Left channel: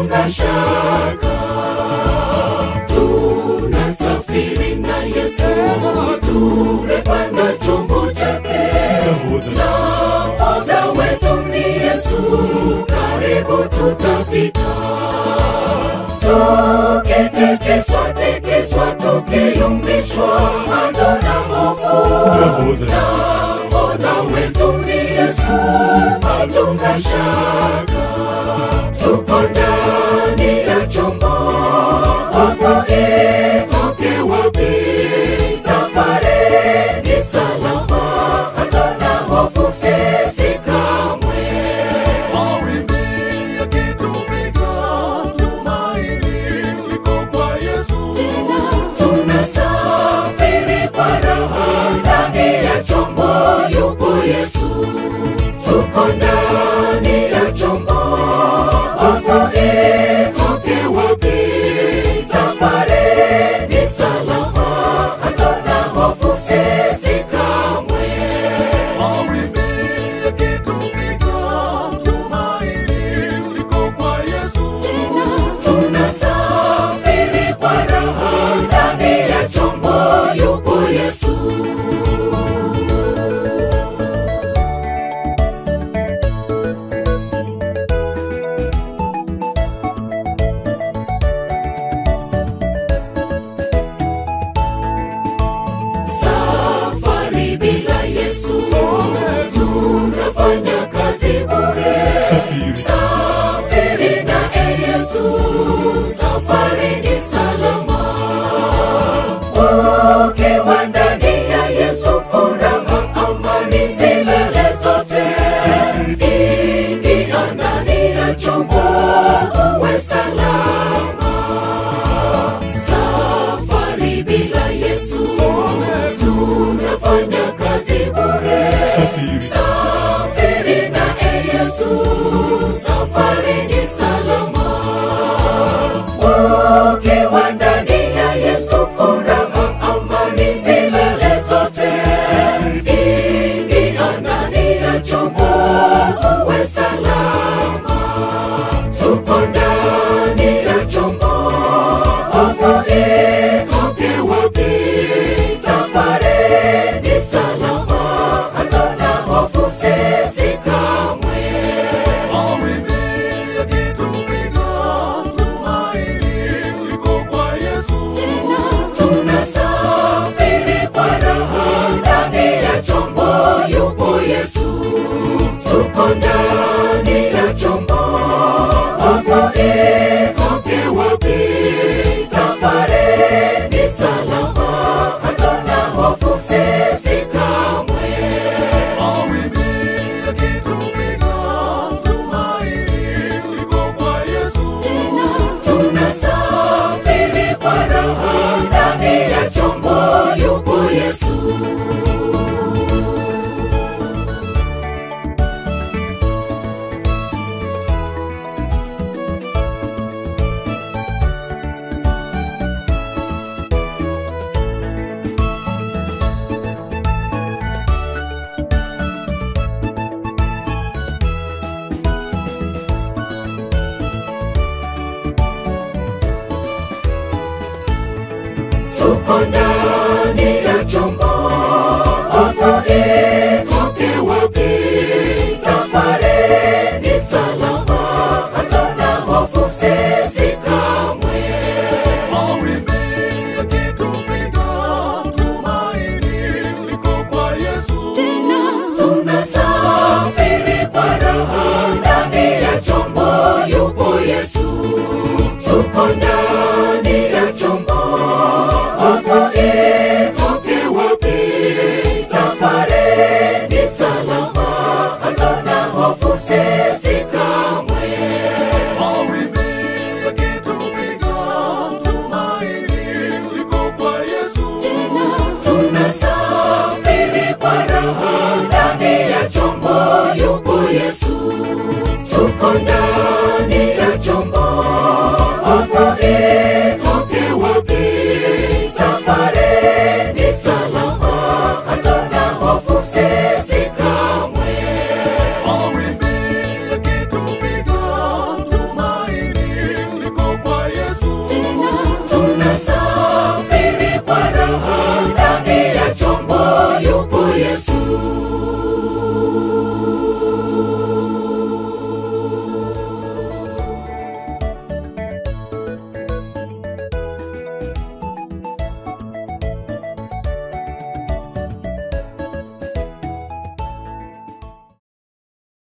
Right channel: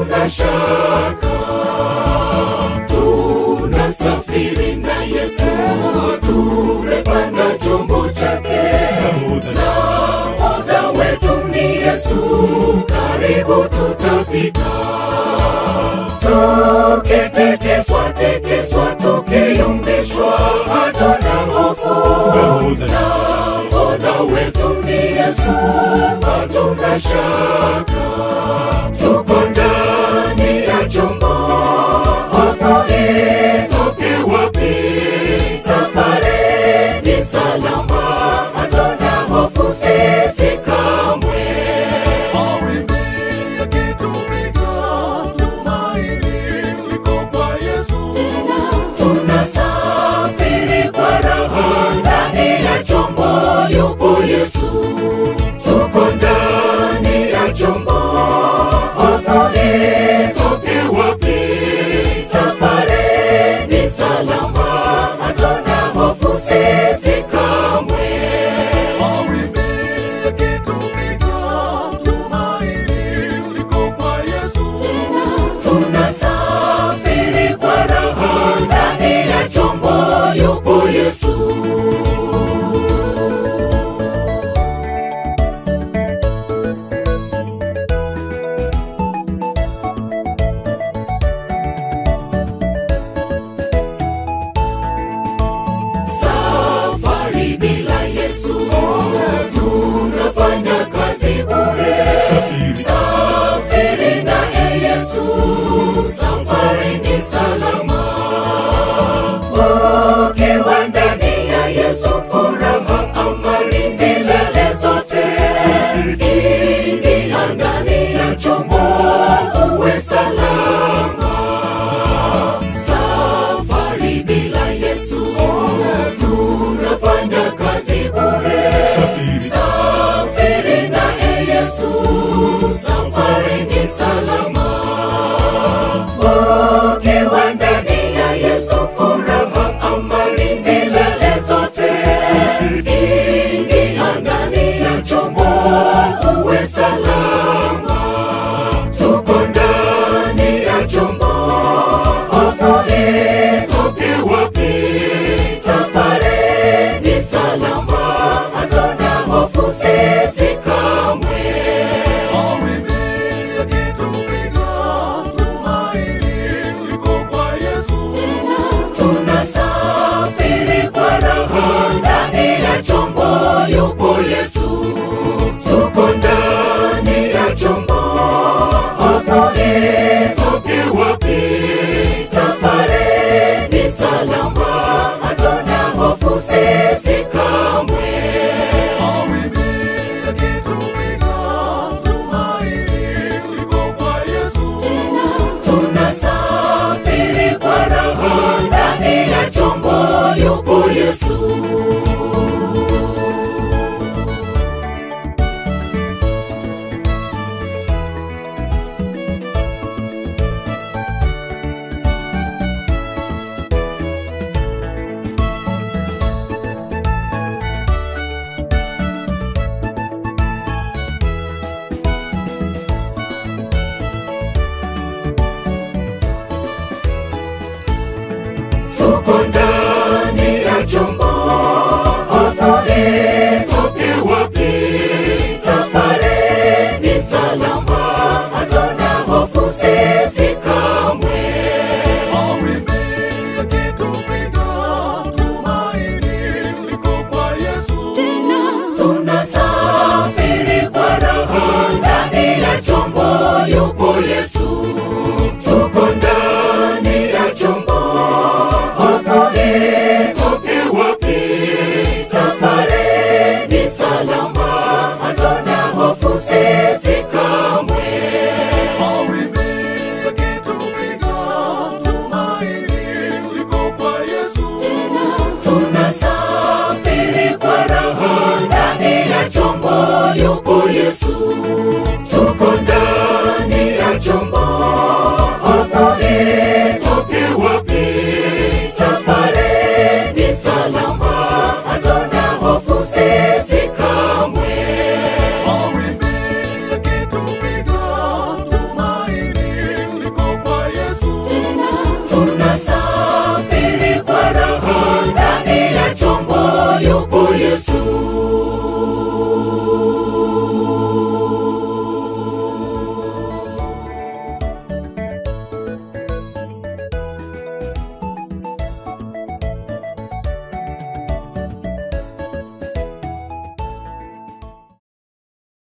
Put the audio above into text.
hatuna shaka. Tunasafiri na Yesu, tumepanda chombo chake. Nahodha wetu ni Yesu, karibu tutafika. Tukitekeswa, tukiyumbishwa, hatuna hofu. Nahodha wetu ni Yesu, hatuna shaka. Tuko ndani ya chombo, hofu itoke wapi? Safari ni salama, hatuna hofu sisi kamwe. Mawimbi yakitupiga, tumaini liko kwa Yesu. Tunasafiri kwa raha, ndani ya chombo yupo Yesu. Tuko ndani ya chombo, hofu itoke wapi? Safari ni salama, hatuna hofu sisi kamwe. Mawimbi yakitupiga,